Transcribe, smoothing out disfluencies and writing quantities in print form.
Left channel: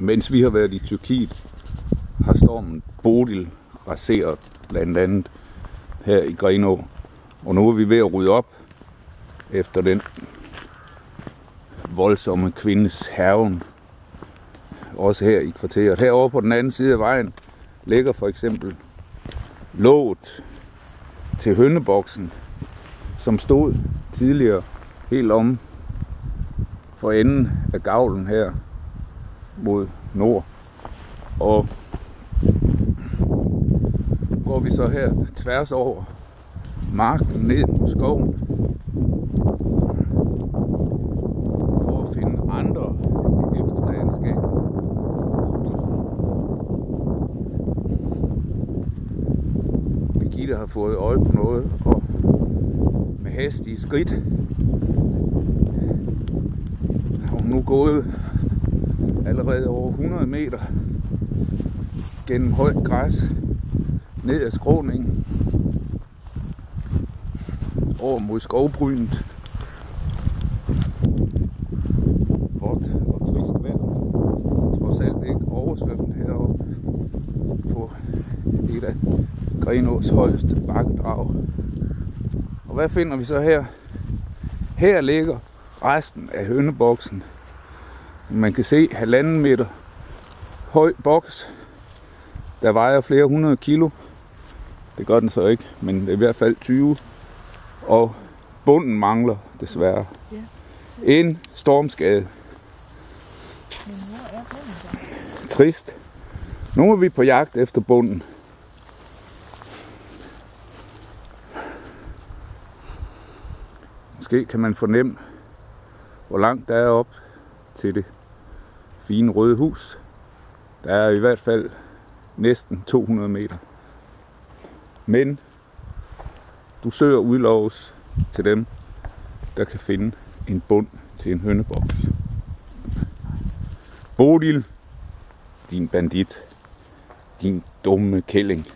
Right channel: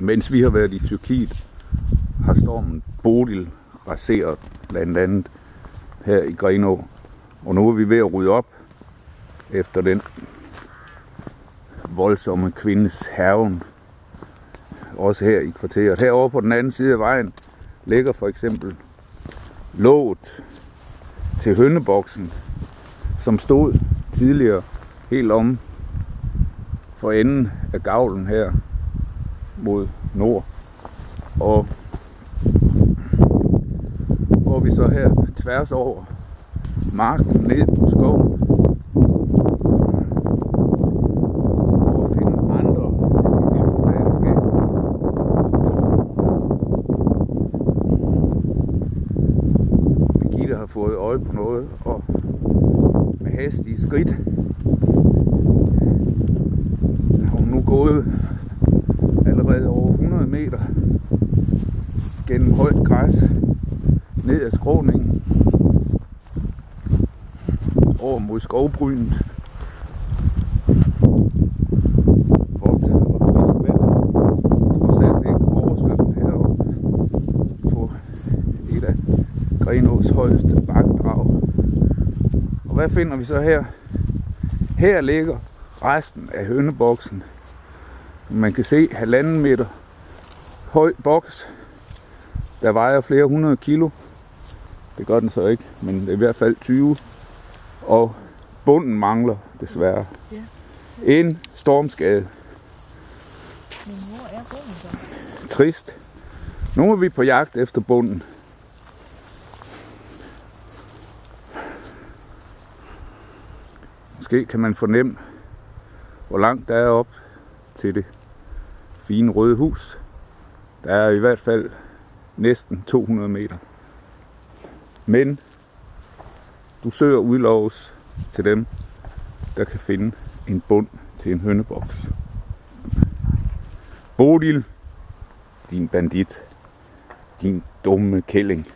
Mens vi har været i Tyrkiet, har stormen Bodil raseret blandt andet her i Grenaa. Og nu er vi ved at rydde op efter den voldsomme kvindes hærgen. Også her i kvarteret. Herovre på den anden side af vejen ligger for eksempel låget til hønneboksen, som stod tidligere helt om for enden af gavlen her mod nord. Og går vi så her tværs over marken ned på skoven for at finde andre efterladenskaber. Birgitte har fået øje på noget, og med hastige skridt har hun nu gået allerede over 100 meter gennem højt græs ned ad skråningen over mod skovbrynet. Vådt og trist vejr. Trods alt ikke oversvømmet heroppe på et af Grenaas højeste bakkedrag. Og hvad finder vi så her? Her ligger resten af hønneboksen. Man kan se 1,5 meter høj boks, der vejer flere 100 kilo. Det gør den så ikke, men det er i hvert fald 20. Og bunden mangler desværre. Ja. En stormskade. Men hvor er bunden så? Trist. Nu er vi på jagt efter bunden. Måske kan man fornemme, hvor langt der er op til det fine røde hus. Der er i hvert fald næsten 200 meter. Men du søger udloves til dem, der kan finde en bund til en hønneboks. Bodil, din bandit, din dumme kælling.